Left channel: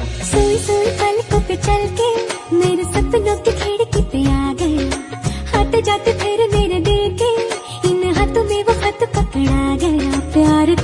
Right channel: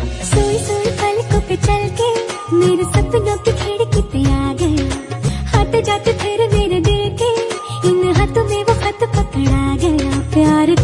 सोई सोई पलकों पे चल के मेरे सपनों की खिड़की पे आ गया, आते जाते फिर मेरे दिल के इन हाथों में वो हाथ पकड़ा गया। प्यार